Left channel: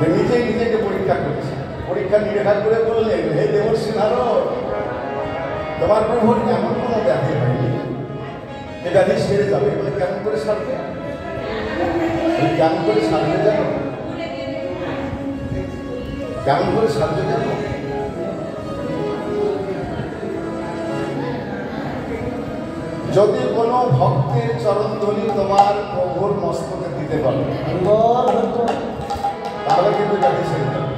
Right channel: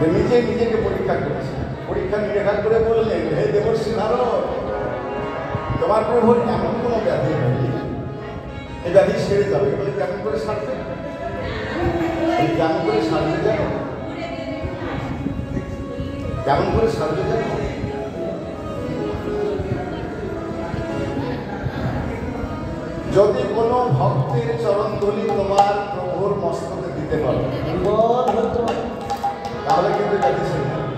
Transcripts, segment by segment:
নিজে নিজেকে পরীক্ষা করছে। পরীক্ষা নিরীক্ষা করে বললেন, হে দেবর্ষি নারদ, তোমার প্রভুর এমন কোনো ব্যাধি হয়নি, এই ব্যাধি সেরে যাবে। বলে কেমন করে সারবে? কেমন করে সারবে জানো? কেমন করে সারবে জানো? যদি কোনো ভক্তের চরণধূলি তোমার প্রভুর মস্তকে দিতে পারো, তাহলে কিন্তু ব্যাধি সেরে যাবে।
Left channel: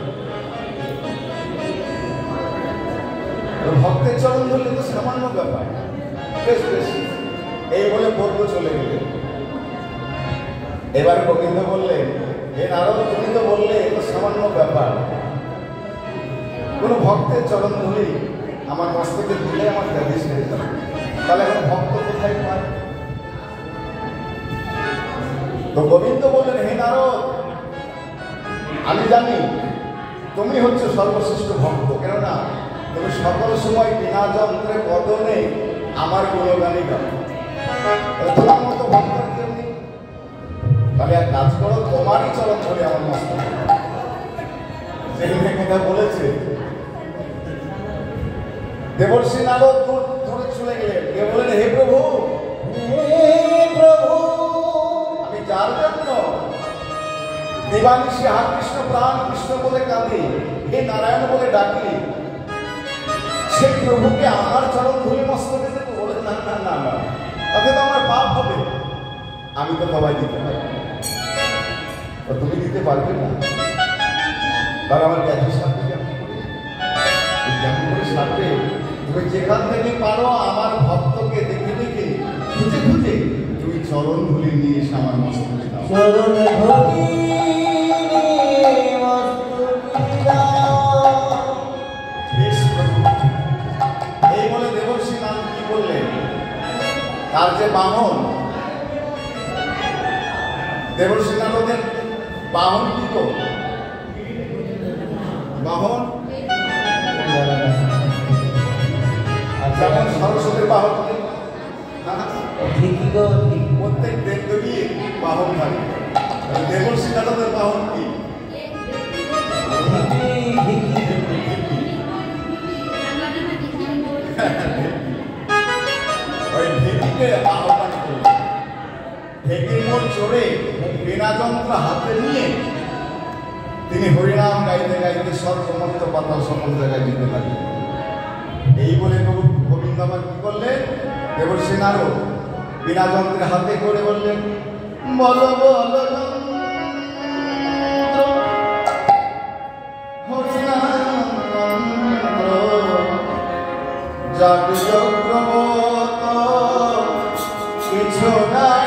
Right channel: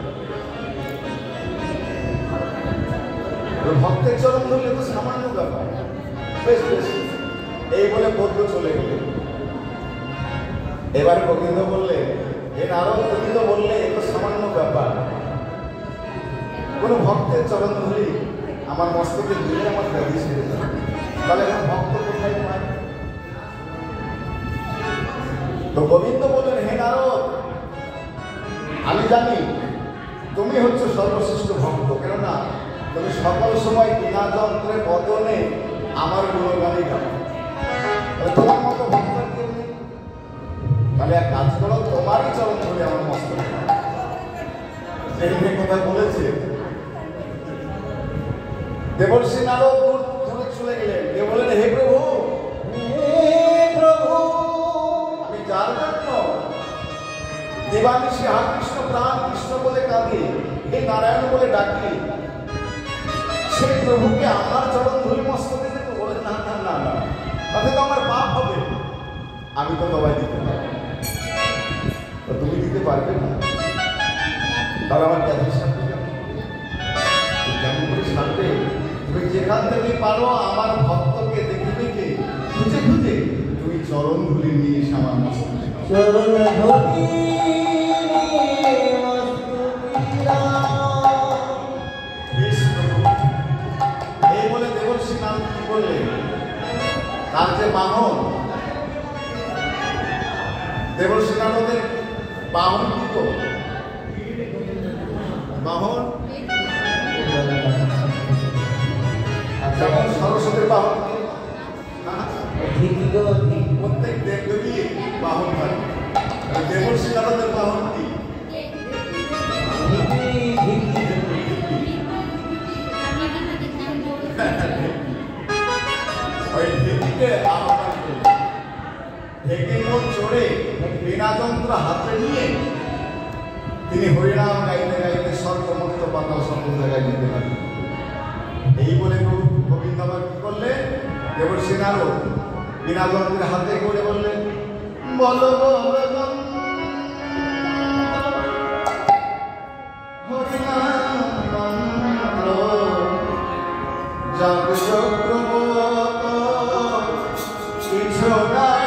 ভক্তের চরণধূলি তো সামান্য ব্যাপার, বেশ বেশ। এই বলে বৌদ্ধ চলে গেলেন। এবার গোবিন্দ বললেন, হে নারদ, তুমি তো বললে এ তো সামান্য ব্যাপার, কোন ভক্তের চরণধূলি আমার মস্তকে দিলে আমার ব্যাধি সেরে যাবে। তাহলে এখন ভক্ত কোথায় পায়? তো গোবিন্দ বললেন, হে নারদ, আমি জানি তুমি হচ্ছে সর্বশ্রেষ্ঠ ভক্ত, কেননা তুমি সকল সময় বিনা যন্ত্রে বদনে আমার গুণগানই গাও। তোমার মতো ভক্ত কেউ নেই। তাহলে এক কাজ করো, তোমারই চরণ ধরে আমার মস্তকে যেখানে কথা বলেছে। দেবর্ষি নারদ দূর ধরে চলে গেলেন। কে বললেন, হে প্রভু, আমি যার জন্য দিবানিশি হা কৃষ্ণ প্রাণ কৃষ্ণ বলে কাঁদি, হে নারায়ণ বলে ডাকি, সেই প্রভুকে আমার চরণ ধুলি মস্তকে দেবো? বলে না না না না, তাতে তো আমার পাপ হবে। আমি তো তোমায় দিতে পারবো, তুমি দিতে পারবে না। তাহলে আমার ব্যাধি সারবে কেমন করে? কেমন করে সারবে? তুমি যেখান থেকে পারো আমার ভক্তকে দেখে দেখে খুঁজে খুঁজে তুমি চরণ ধুলি নিয়ে এসে আমার মস্তকে দাও। এই বলে দেবর্ষি নারদ কি করলেন, তার যে বাহন, দেবর্ষি নারদের বাহন কি তো বাহন, যেমন সরস্বতীর বাহন, প্রত্যেক দেবদেবীর বাহন থাকে। দেবর্ষি নারদের বাহন কি? ওই ঢেকিকে আহ্বান করলেন। ঢেকির মোট চড়ে বিনা যন্ত্র হাতে নিয়ে তিনি হরিনাম গাইতে গাইতে স্বর্গমর্ত পাতাল সকল জায়গায় যেতে লাগলেন। এই বলে গোবিন্দ আবার কি করলেন, দেবর্ষি নারদ বিনা যন্ত্রের হাতে করে বললেন, বল বল চক্রবর্ত কিছু নাই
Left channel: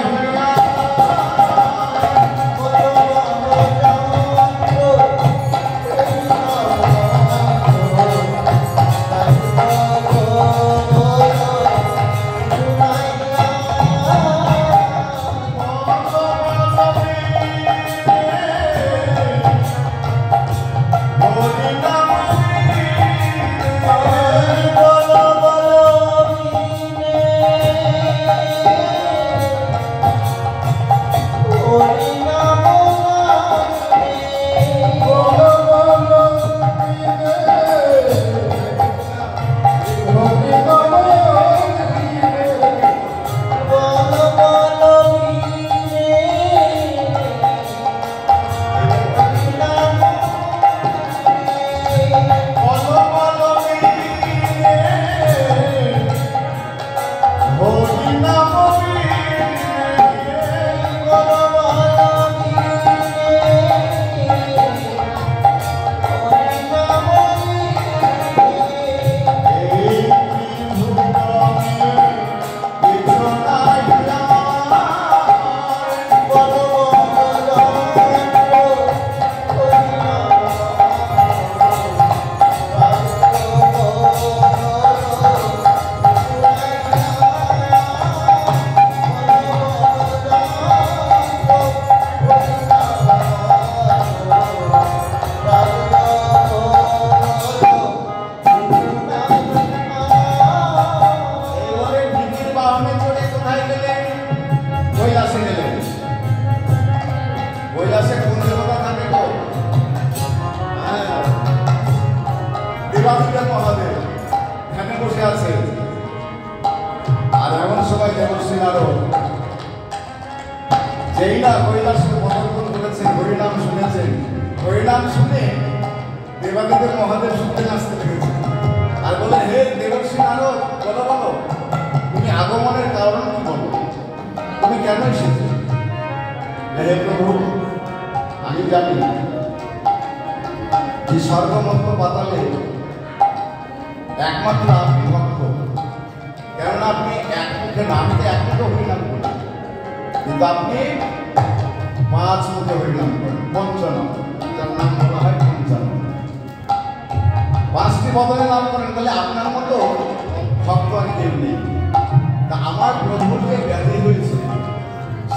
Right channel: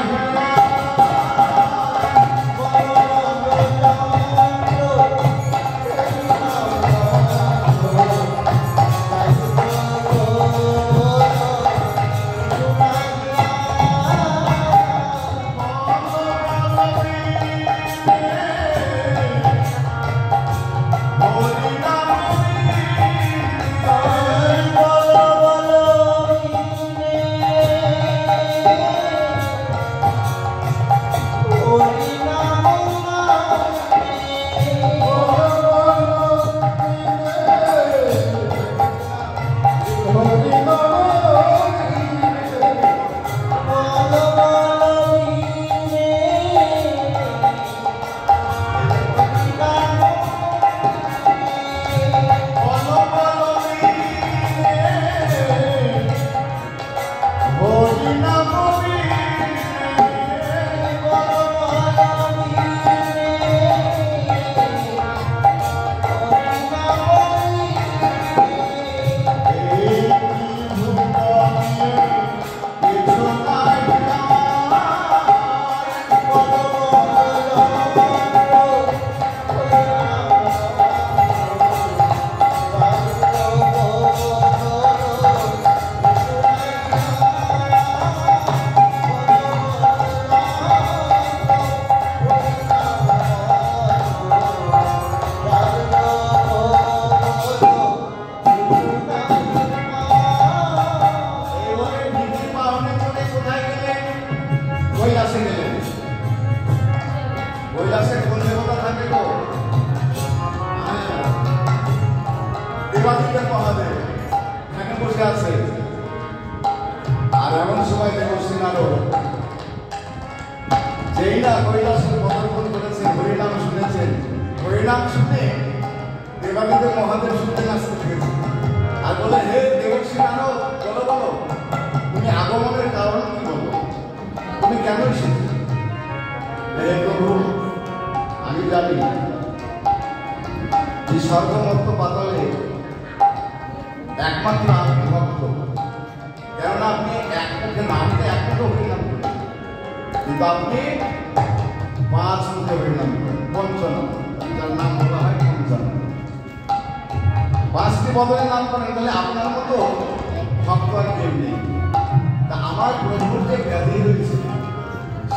মহাদেব শুনতে আসতে লেগেছে আর বলে, হে দেবর্ষি নারদ, বলো বলো তুমি আগমনের কারণ কি বলো, তুমি কেন এসেছো? হে প্রভু, আমি জানি এই স্বর্গ মধ্য পাতালে একমাত্র আপনি ভক্ত, কেননা আপনি এক মুখে নামতে এক মুখে হরিনাম করেন, কিন্তু আপনি 5 মুখে হরিনাম করেন, পঞ্চনাম, যার নাম বলা হয় পঞ্চানন। 5টি বদলে নাম করেন, তাহলে আপনার মতো ভক্ত আর কেউ নেই। তা আমার প্রভুর যে ব্যাধি হয়েছে,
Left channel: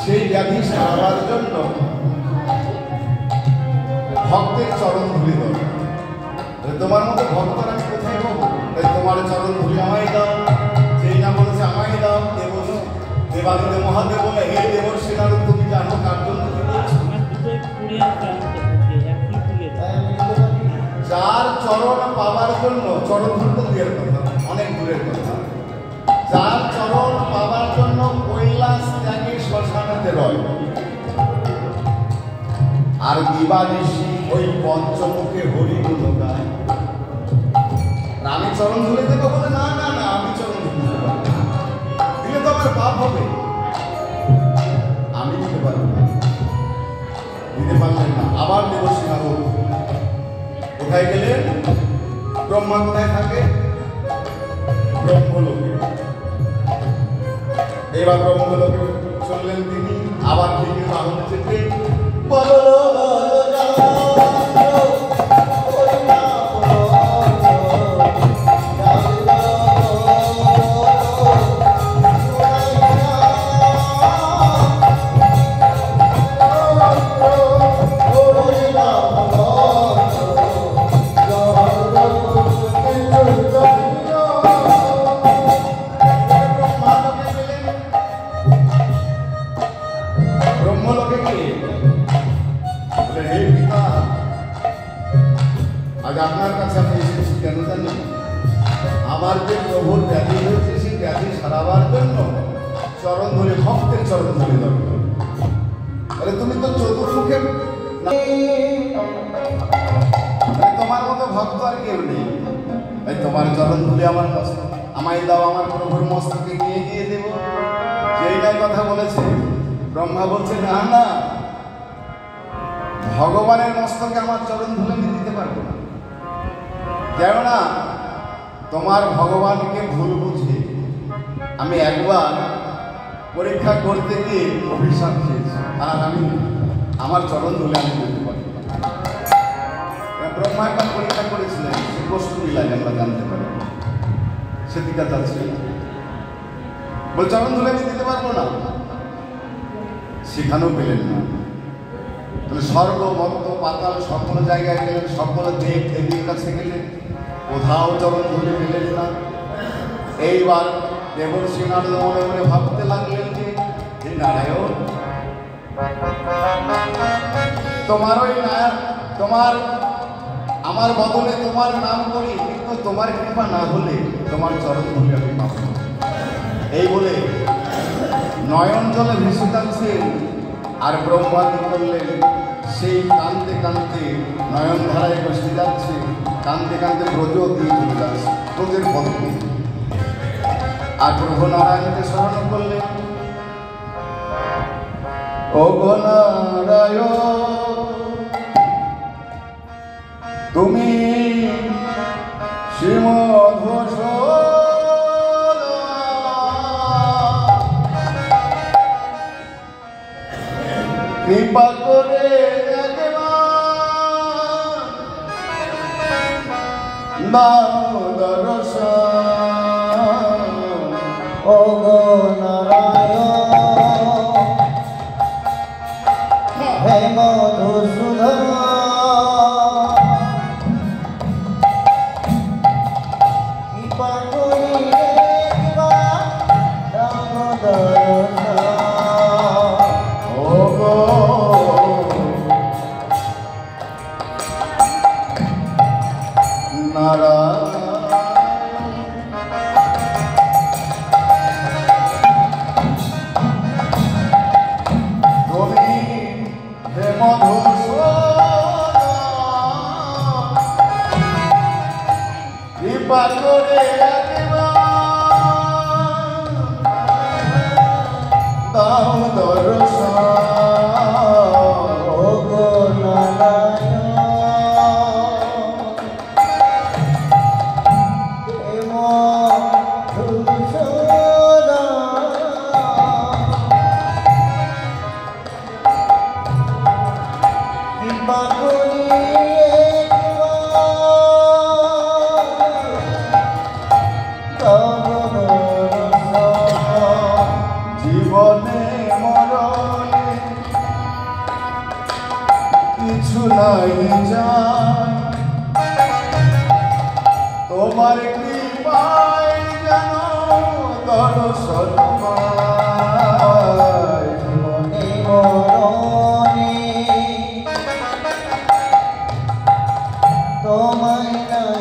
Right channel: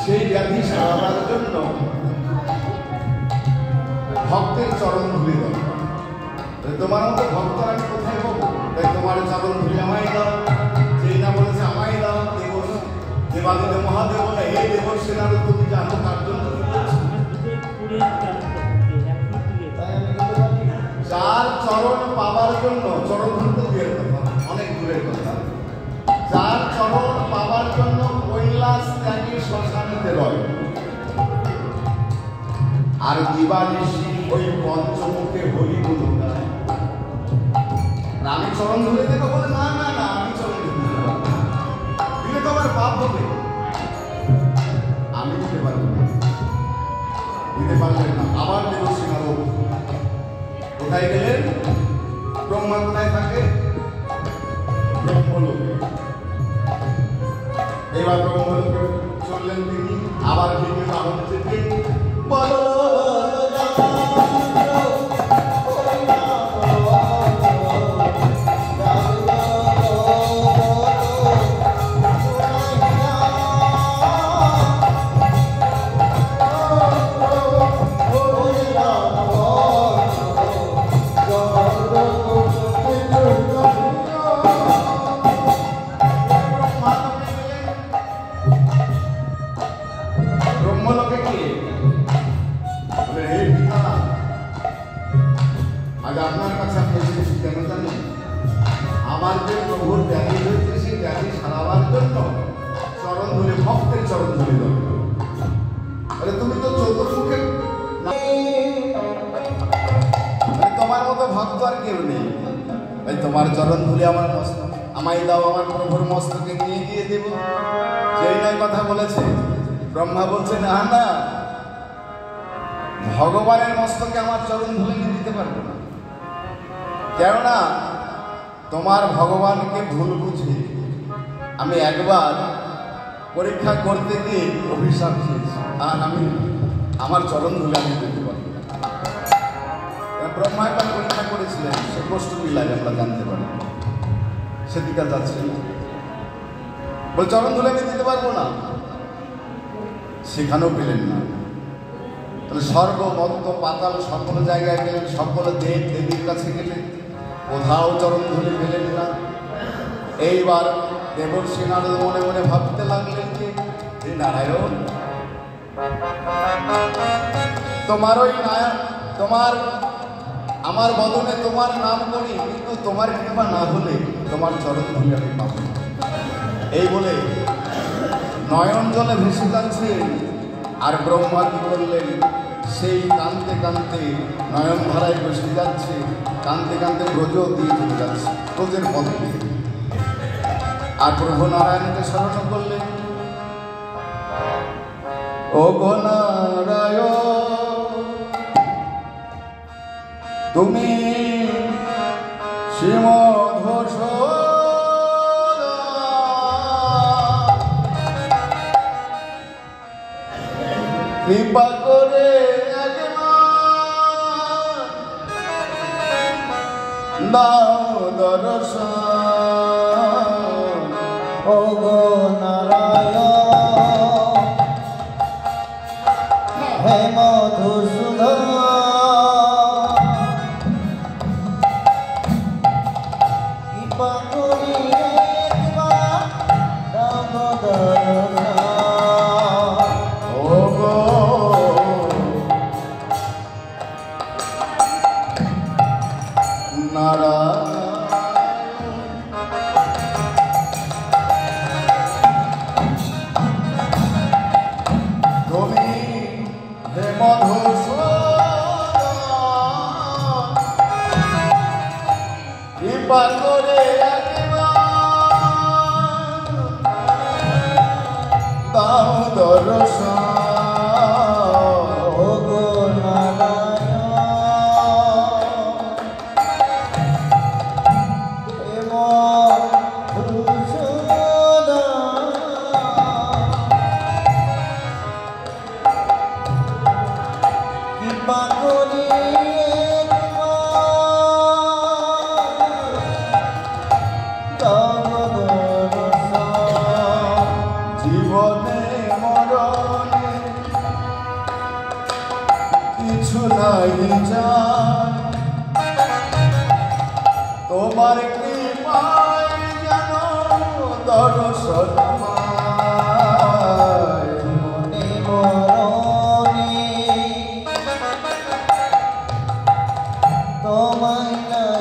সেই ব্যাধি সারাবার জন্য ভক্তের চরণ ধুলি দরকার। তোমার মতো ভক্তর আমি কোথায় পাবো? তাই তোমার চরণ ধুলি আমায় দাও। যেই না বলেছে আমায় দাও, দেবাদিদেব মহাদেব বলে, হে দেবর্ষি নারদ, তুমি জানো কার জন্য কি বলছো? যার চরণ পাবার জন্য, চরণ ধুলি তো দূরের কথা, অনেক দূরের কথা, যার চরণ পাবার জন্য কৈলাস ত্যাগী শ্মশানেতে রয়, আর দিবানিশি ওই পঞ্চমুখে হরিগুণ গায়। আমি চরণ ধরে দেবো বলে, না না না, আমি চরণ ধরে দেবো, দিলে তো আমার পাপ হবে, আমি দিতে পারবো না। দিতে পারলেন না। আবার দেবর্ষি নারদ কোথায় গেলেন? ব্রহ্মা কোথায় থাকে? ব্রহ্মলোকে। এবার ব্রহ্মলোকে চললেন তিনি, আবার তিনি বাহন চেপে বলো আপনার কাছে আমি এসেছি কেন জানেন? আমার যে প্রভুর ব্যাধি হয়েছে, সেই ব্যাধি সারাবার জন্য চরণ ধরে, ভক্তের চরণ ধরে দরকার। আরে তুমি তো চতুর্মুখে, তোমার মতো ভক্ত আর কেউ নেই। তোমার চরণ ধরে আমার মস্তক আমায় দাও, আমার প্রভুর মস্তকে নিয়ে গিয়ে দেব। যেই না কথা বলেছে, ব্রহ্মা বলছে, না না, ভগবানের মস্তকে আমার চরণ ধরে আমি দিতে পারবো না, কেননা তোমার ভগবানকে ভুল বুঝে আমি একবার পরীক্ষা করতে গিয়ে অভিশাপ খেয়েছি, আর আমি আমার চরণ ধুলে আমি দিতে পারবো না। ব্রহ্মা একটা পরীক্ষা করেছিলেন, সে প্রশ্ন মিলাই আমরা জানতে পারি, সেদিকে যাচ্ছে বলে চরণ ধুলে আমি দিতে পারবো না, সেখানেও পেলেন না। স্বর্গ মর্ত পাতাল সকল জায়গায় গেলেন, সকল দেব দেবীর কাছে গেলেন, কোথাও চরণ ধুলে পেলেন না। এইবার দেবর্ষি নারদ মনে মনে ভাবতে লাগলেন যে নারায়ণ, তোমার ওই নায়ক, তোমার আমার বদলে তোমার নাম করি, কিন্তু তোমার কৃপা না হলে তোমার চরণ ধুলে আমি পাবো। এই বলে নয়ন জলে ভেসে যাচ্ছে। আর ব্রহ্মা কি করলেন? সেই কাঁদতে কাঁদতে নয়ন ধারায় বসে যাচ্ছে, কাঁদতে কাঁদতে ব্রজ দিয়ে চলে যাচ্ছে, ব্রজের ফল দিয়ে। আর প্রভু নারায়ণকে স্মরণ করলেন, ও নারায়ণ, তুমি শ্রীমধ্বস কৃপা করে দাও দর্শন, ও নারায়ণ, হে মধুসূদন, জীবনে মরণে কিছু নাই যায়, তোমার কৃপায় যেন দর্শন পাই। জীবনে মরণে তোমায় নাই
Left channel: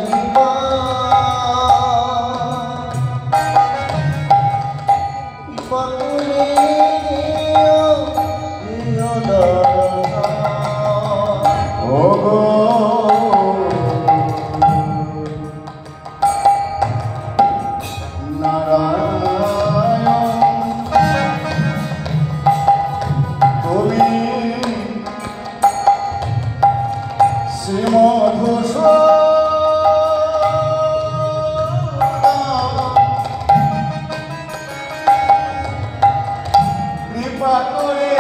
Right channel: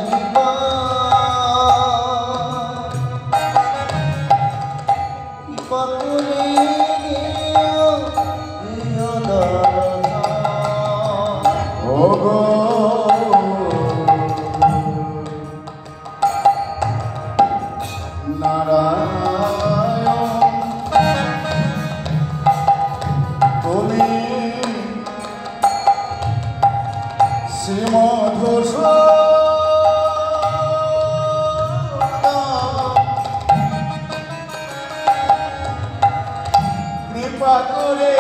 কৃপা করে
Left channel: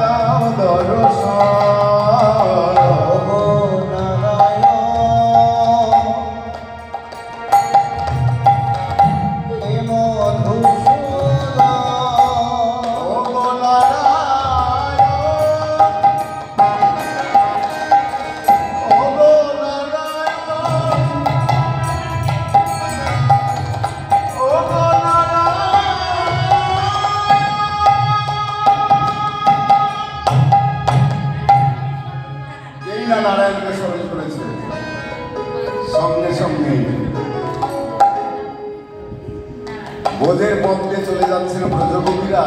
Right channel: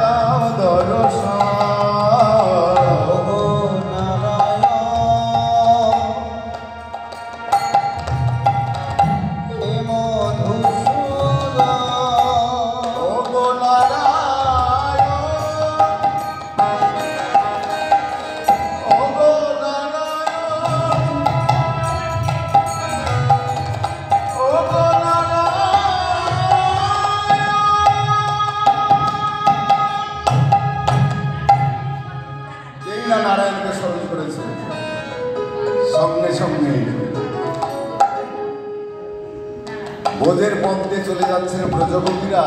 দাও দর্শন। নারায়ণকে স্মরণ করেছে, সঙ্গে সঙ্গে বোধের পথে চলে যাচ্ছিল ব্রজগোপীরা।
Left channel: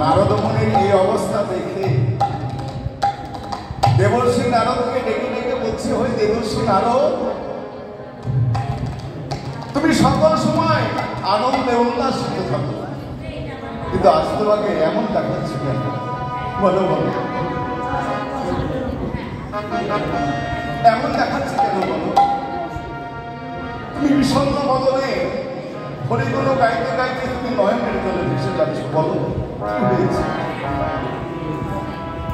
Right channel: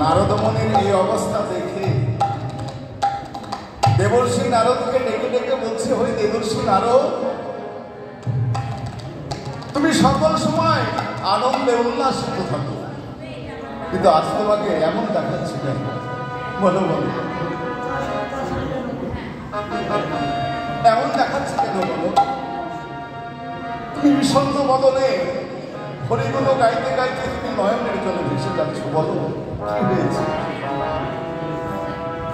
নারদ মুনির এই অবস্থা দেখে দেবর্ষি নারদকে ডেকে ডেকে বলছে, হয়ে দেবর্ষি নারদ, তুমি সকল সময় আনন্দে উল্লাসিত থাকো, কিন্তু আজ তোমাকে এমন দেখাচ্ছে কেন? বলো বলো, এমন দেখাচ্ছে কেন বলো? তুমি বিষণ্ণ বদনে হরিগুলো গাইতে গাইতে তুমি নয়নের জলে ভেসে যাচ্ছ, বলো কি হয়েছে?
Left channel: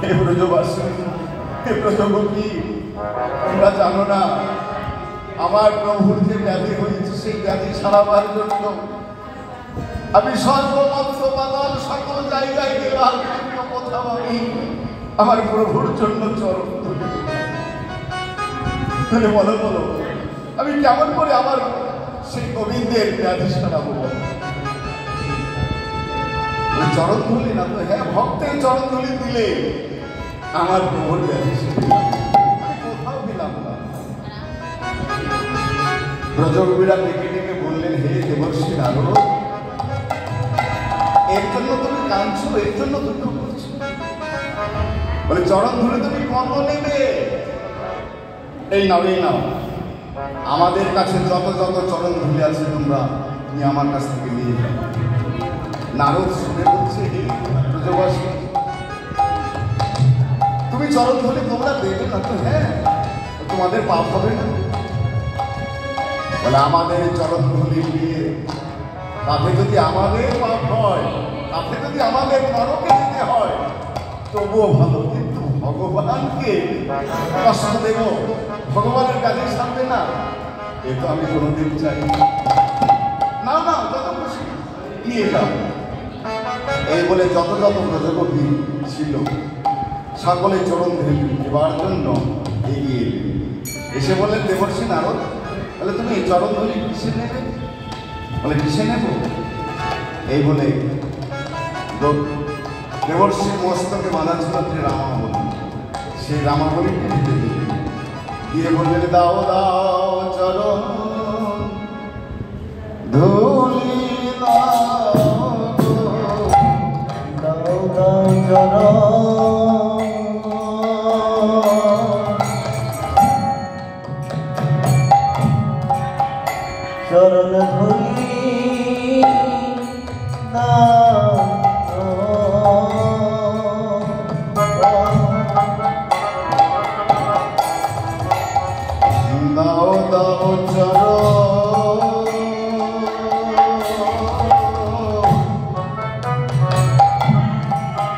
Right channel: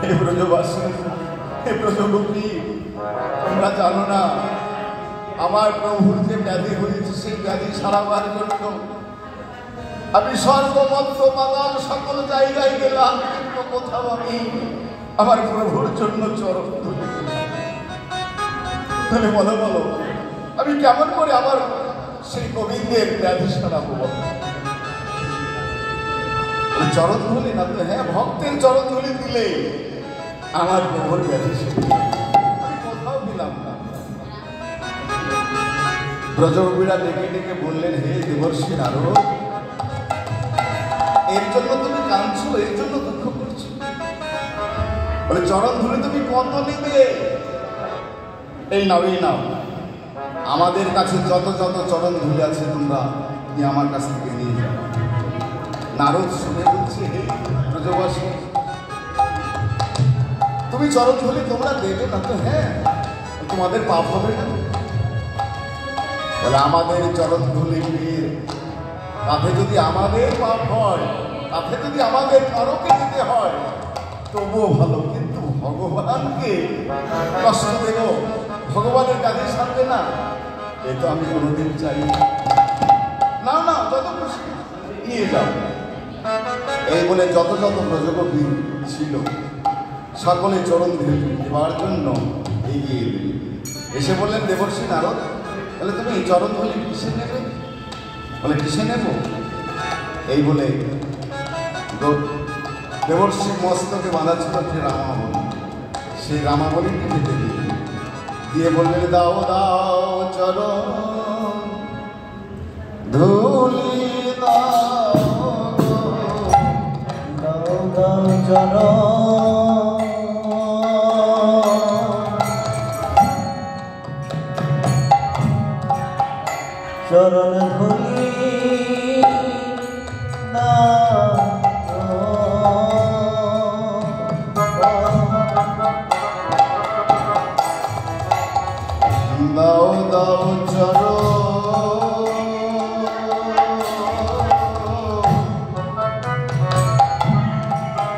হে ব্রজবাসী, হে ব্রজগোপী, তোমরা জানো না আমার প্রভুর যে ব্যাধি হয়েছে, সেই ব্যাধি সারাবার জন্য আমি সর্বমত্র পাতাল সকল জায়গায় গেলাম, কিন্তু কোথাও আমি আমার প্রভুর জন্য চরণ তুলি। তাহলে বলো বলো, আমি কেমন করে আবার সেই গোবিন্দের ব্যাধি সারাবো? চরণ ধুলি না তো, হ্যাঁ ভক্তের চরণ ধুলি দিলে আমার প্রভুর ব্যাধি সেরে কোথাও গেলাম না। ব্রজগোপীরা ডেকে ডেকে বললেন, হে দেবর্ষি নারদ, এর জন্য তুমি কাঁদছো, এর জন্য দুঃখ করছো? বলে চরণ ধুলে তুমি কর্ম নেবে, এই নাও এই নাও, আমাদের কাছে যত যত চরণ ধুলে আছে তোমরা তুমি আমার কাছ থেকে নিয়ে যাও। নারদ শুনে বলছে, হে ব্রজবাসী, তুমি চরণ ধুলি তোমরা দেবে না তো? হ্যাঁ, তোমাদের পাপ হবে না? তাহলে আমাদের চরণ ধুলি দিয়ে তাতে যদি আমাদের পাপ হয়, তাতে যদি আমাদের নরকে দিতে হয় তবুও ভালো, কিন্তু ভগবানকে কষ্ট দেব, ভগবানের কাজে সারবে না, এ তো আমি কোনোদিন চাই না। না, যত খুশি নিয়ে যাও। এই বলে যত যত ব্রজগোপী ছিল সকলে চরণ দেবার জন্য এগিয়ে এলেন। এসে বললেন, দেবর্ষি নারদ, বলে তুমি এই চরণ ধুলি কিসে নেবে? বলে কিসে নেব? এই বলে দেবর্ষির মস্তকে বাঁধা ছিল যে রামাবলী, সেই রামাবলীকে দিতে দিলেন, দিয়ে বললেন, দাও দাও চরণ ধুলি, দাও দাও চরণ ধুলি দাও দাও চরণ ধুলি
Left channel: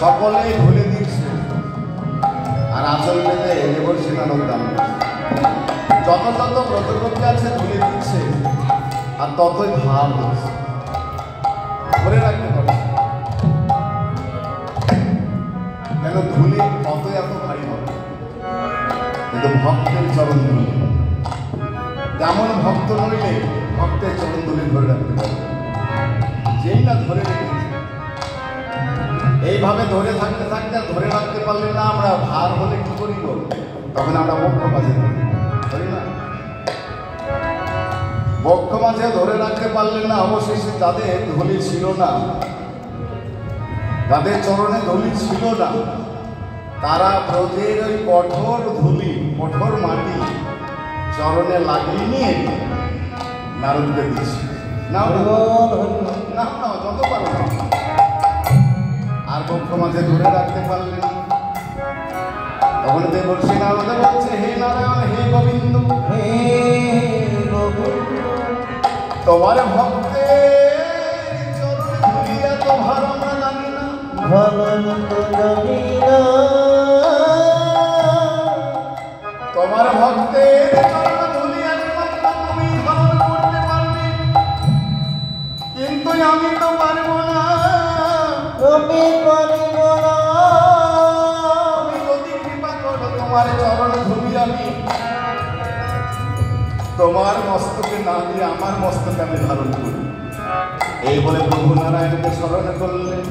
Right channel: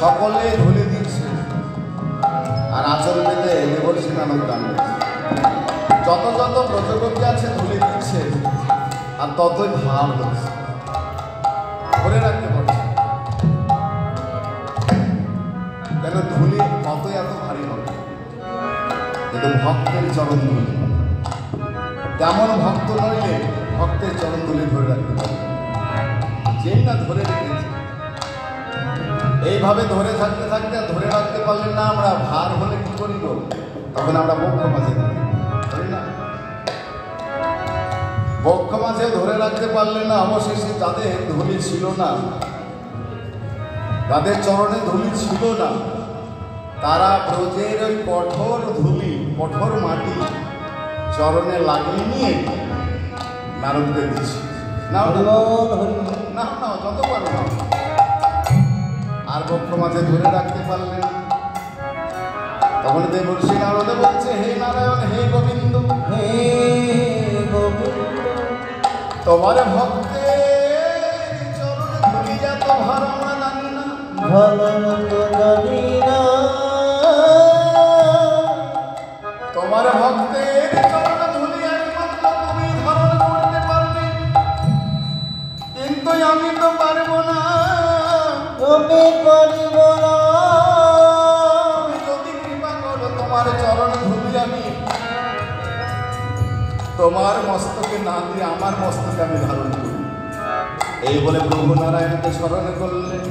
সকলে ধুলে দিচ্ছে আর আঁচল পেতে দেবর্ষী নারদ দাম যত যত ব্রজগোপী আছে ধুলে দিচ্ছে আর ততই ভার হচ্ছে ধরে রাখতে পারছে কেন ধুলি কত এত ভারী হবে কিন্তু ভক্তের চরণ ধুলি তেমন ভক্ত নইলে ভক্তের চরণ ধুলি ধরে রাখতে পারবে যেই না ধরে রেখেছে এইভাবে ধরে থাকতে থাকতে ধরে রাখতে পারলেন না আমরা ভার হলে কি করিব তখন আমরা বক্ষ মাঝে ধরি না বক্ষ মাঝে ধরে রাখতে পারলেন না অবশেষে যাদের ধুলি ছিল না যাদের চরণে ধুলি ছিল না তারা ব্রজের ওই কঠোর ধুলি কঠোর মাটি চরণে লাগিয়ে নিয়ে নারদকে দিচ্ছে না না যত পারবে আর বক্ষ মাঝে ধরে রাখতে পারলেন তখন দেবর্ষী নারদে বলছে হে নারায়ণ হে গোবিন্দ হে তোমার ভক্তের চরণে ধুলি এত ভালো না জানি না তোমার ভক্তের চরণে ধুলি একমাত্র তুমি ধারণ করতে পারবে কিন্তু আমি তো পারবো না তুমি যদি কৃপা করো তোমার চরণে ধুলি আমি তোমার মস্তকে না দিয়ে আমার মস্তকে আমি ধারণ করি এই বলে প্রভু নারায়ণকে স্মরণ করলেন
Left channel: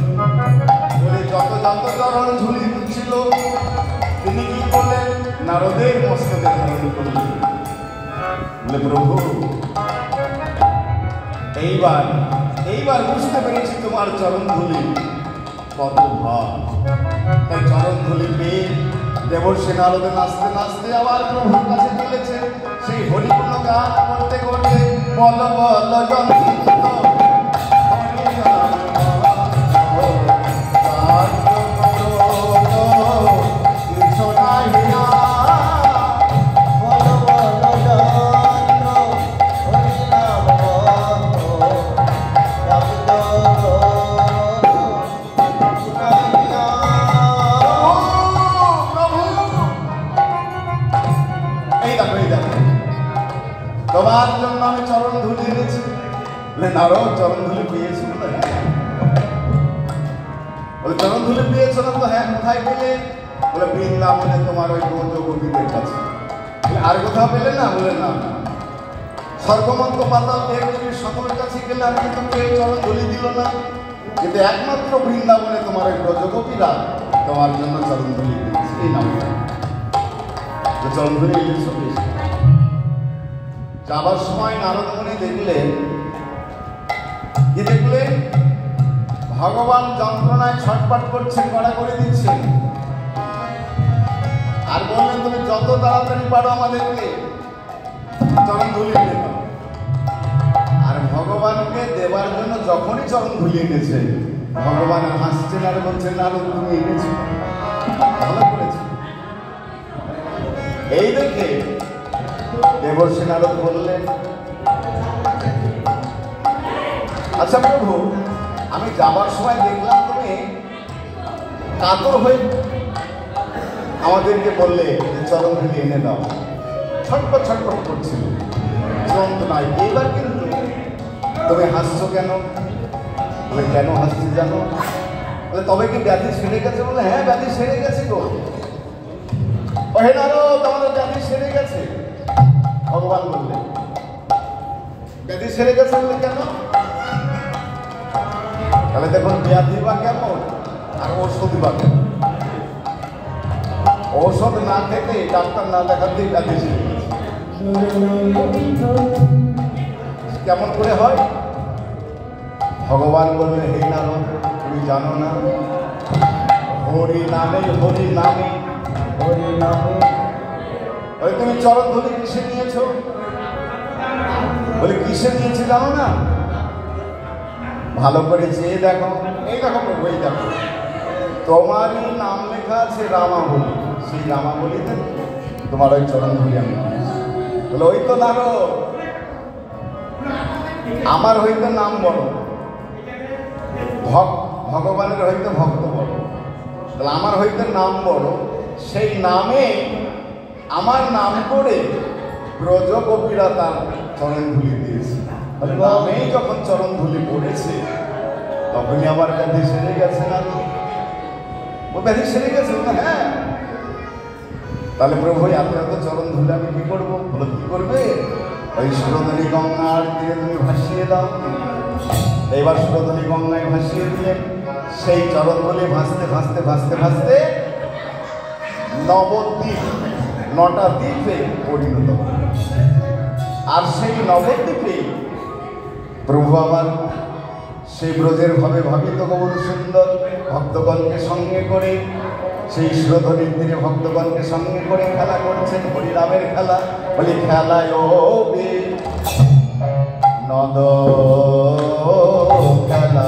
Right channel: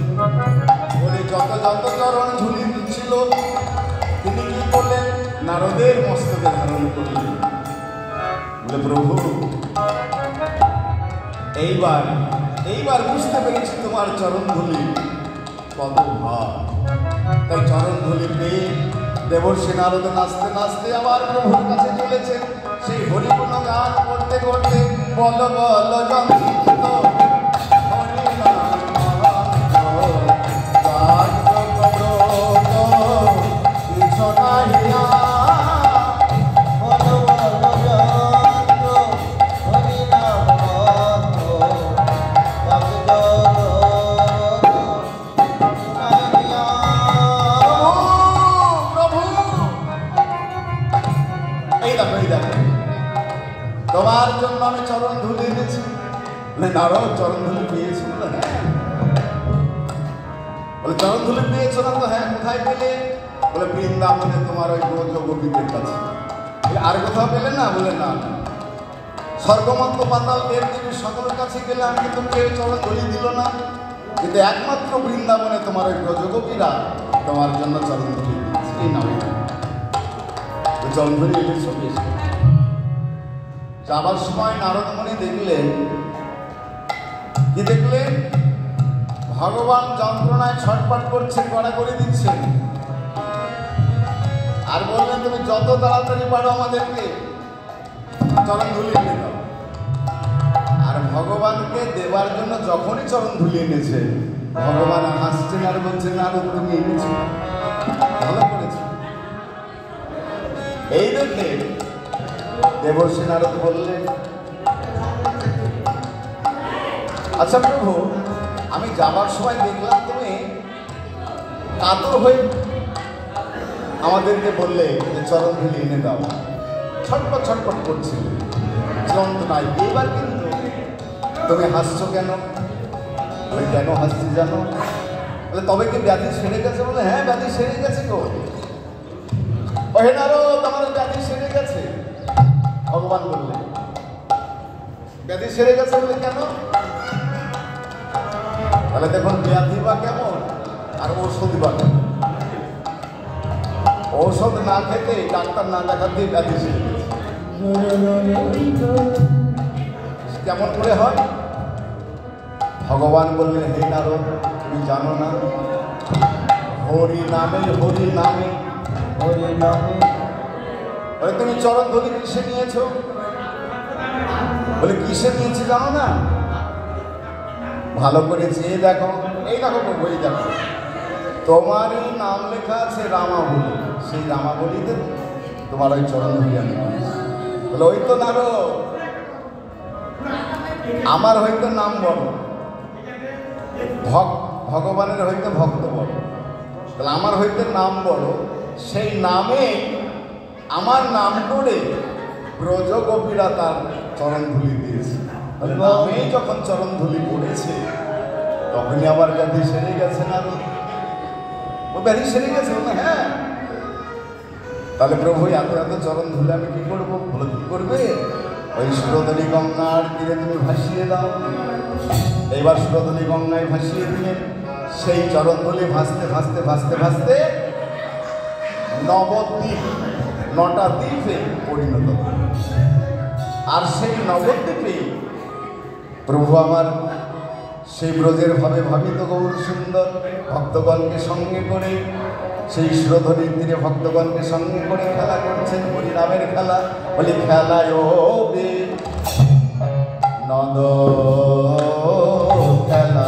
বলে যত যত চরণ ঝুলি দিচ্ছিল তিনি কি করলেন নারদের মস্তকে ধারণ করলেন বলে প্রভু এইবার বুঝতে পেরেছি তোমার চরণ ধুলি কত ভাব তাই চরণ ধুলি পেয়ে দেবর্ষী নারদে নাচতে নাচতে আবার প্রভুর কাছে চলেছে সেই হরিগুণ গান করতে করতে বল বল জন্ম তোমার জন্য আমি চরণ ধুলি এনেছি বলে নারদ চরণ ধুলি পেয়েছিল না বলে চরণ ধুলি পেয়েছিল তো হ্যাঁ কোথায় পেলে বলে বৃন্দাবনে তোমার ওই ব্রজগোপীদের কাছে আর কোথাও পেলে না বলে না স্বর্গমন্ত পাতাল দেবদেবীর সকলের কাছে গেলে আমাকে তো কেউ চরণ ধুলি দিল না কিন্তু একমাত্র বৃন্দাবনে তোমার ওই ব্রজগোপীরা তোমার জন্য চরণ ধুলি দিয়েছে এই নামে চরণ ধুলি এনেছো বেশি যাবার সময় নারদমুনি দেখলেন কি দেখলেন ভগবান যন্ত্রণায় ছটফট করছেন কড়াকড়ি দিচ্ছেন আর বললেন তুমি যত তাড়াতাড়ি পারো আমাদেরকে চরণ ধুলি দাও আর ভগবানকে দেবার জন্য যখনই চরণ ধুলি এনেছে ভগবান হাসছেন আর বলছেন নারদ তুমি এনেছো ভালো করেছো এই দেখে দেবর্ষী নারদ বললেন আচ্ছা প্রভু, আমি যাওয়ার সময় দেখলাম তুমি কাতর হয়ে আমাদেরকে বললে যে চরণ ধুলি এনে দাও, ছটপট ছটপট করছিল, নাই। এবার কিন্তু তুমি হাসছো কেন? কেন হাসছি জানো? তবে কি ব্যাধি সেরে গেছে? বলে হ্যাঁ, ব্যাধি সেরে গেছে গো। তোমার ব্যাধি সেরে গেছে। ভগবান বললে ব্যাধি সেরে গেছে বলে কেন? তাহলে দেখুন ব্যাধি বা কেমন আর ওষুধ বা কেমন। ঔষধ না খেতে, ডাক্তার না দেখাতেই ব্যাধি সেরে গেছে। কেমন করে হয়? ভগবান বললে হে নারদ, তুমি জানো না, হরি নামে হরি নামে হরি নামে। তুমি চরণ ধরি কিসে নিয়েছো? বলে কিসে নিয়েছি জানো না? ভালো করে চেয়ে দেখো, এই দেখো বই দেখো, তোমারই নাম লেখা আছে রামাবলী। সেই রামাবলীতে তোমার ওই চরণ ধরি আমি বলে ওই তো নারদ, আমার হইতে নাম বড়, ভগবানের হইতে ভক্ত বড়। তাহলে আমার হইতে নাম বড়, সেই নামে আমার নাম করে ব্রজ গোপীরা তার চরণ ধুলি দিয়েছে। তাহলে নামেই যখন চরণ ধুলি পড়েছে তখনই আবার ব্যাধি সেরে গেছে না? ও ব্যাধি সেরে গেছে। হ্যাঁ, তাহলে প্রভু এত এত চরণ ধুলে আমি কি করবো? বলে কি করবে? ওই সুরধনী গঙ্গার তীরে তুমি ভাসিয়ে দাও। এইবার সুরধনী গঙ্গায় ভাসিয়ে দিলেন। সেই চরণ ধুলি ভাসতে ভাসতে ভাসতে ভাসতে নবদ্বীপ, 9টা দ্বীপে পরিণত। আর সেই নবদ্বীপে প্রভু আমার সেই ব্রজের ভাবে ভাবিত গৌর সুন্দর ভক্তগণকে সঙ্গে করে সেই সুরধনীর তীরে ভক্তগণকে সঙ্গে করে খেলা করছেন, হরিনামের খেলা। বলি খেলায় নদ খেলা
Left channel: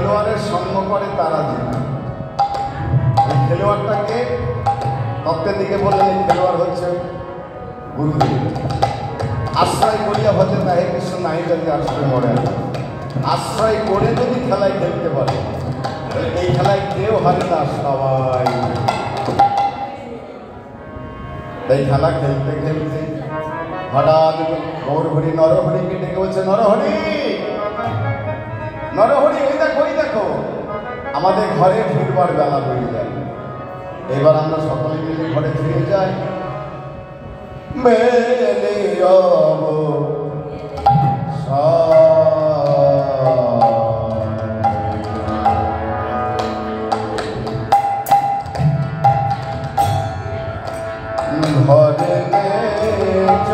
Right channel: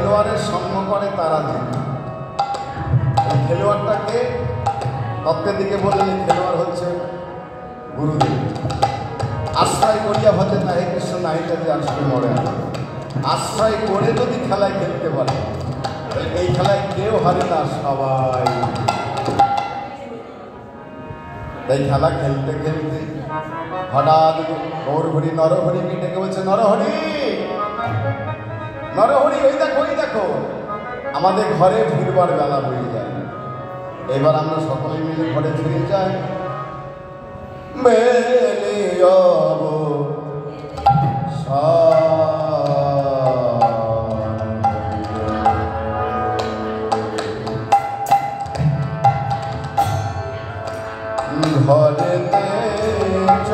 খেলোয়াড়ের সঙ্গ করে তারা জিতে। এই খেলোয়াড়টাকে তত্ত্বের দিকে বললেন খেলোয়াড় হচ্ছে গুরুদেব। আশ্রয় করিয়া হতে তাহে কৃষ্ণ নাই যাতে আশ্রয় করে আশ্রয় করে যদি খেলায় খেলতে পারে এই খেলায় কেউ হারে না, সবাই। তাই খেলা খেলতে খেলতে হঠাৎ গৌরহরি নরহরিকে ডেকে বলছে, নরহরি নরহরি, ওই দেখো ওই দেখো, আমাদের ঘরে ফিরবার বেলা হয়ে যায়, এবার আমরা সকলে মিলে ঘরে ফিরে যাই। মেলে যাব ঘরে চলিলা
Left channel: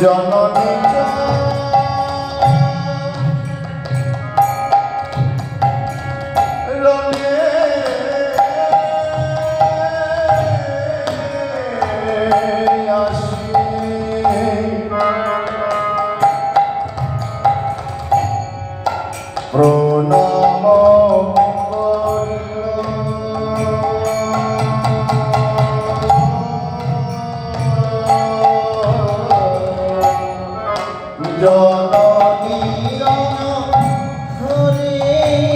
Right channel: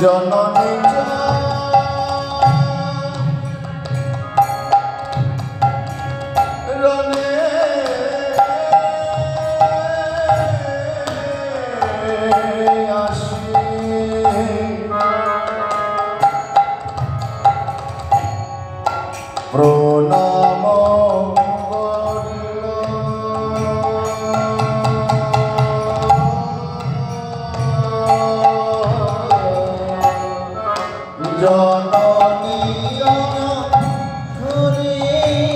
জননী রনে আসি প্রণাম জননী ঘরে আসি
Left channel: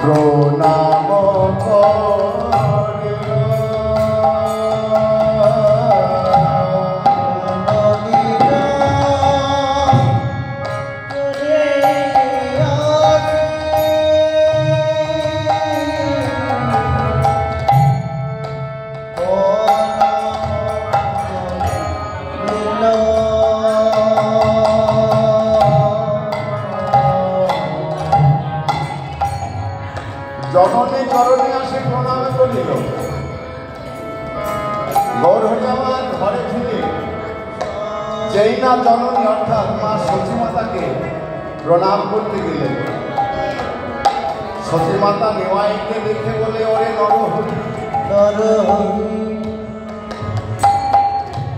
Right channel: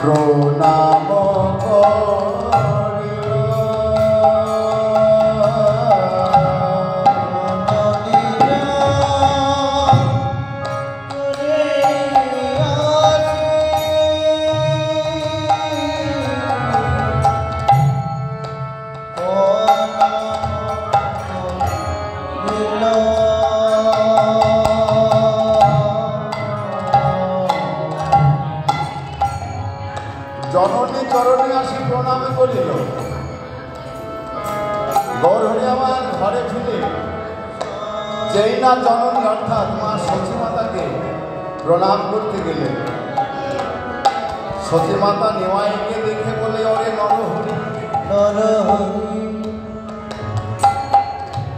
প্রণাম জননী চরণে আসি প্রণাম করিল। গৌরহরি আমার ঘরে ফিরে যেই না জননী অর্থাৎ মা সতীমাতাকে প্রণাম করতে গেলেন, সতীমাতা নিমাইকে দেখে বলে, ওরে নরহরি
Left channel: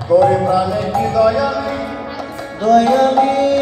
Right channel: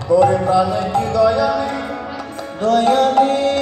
তোর প্রাণে কি দয়া নেই, দয়া নেই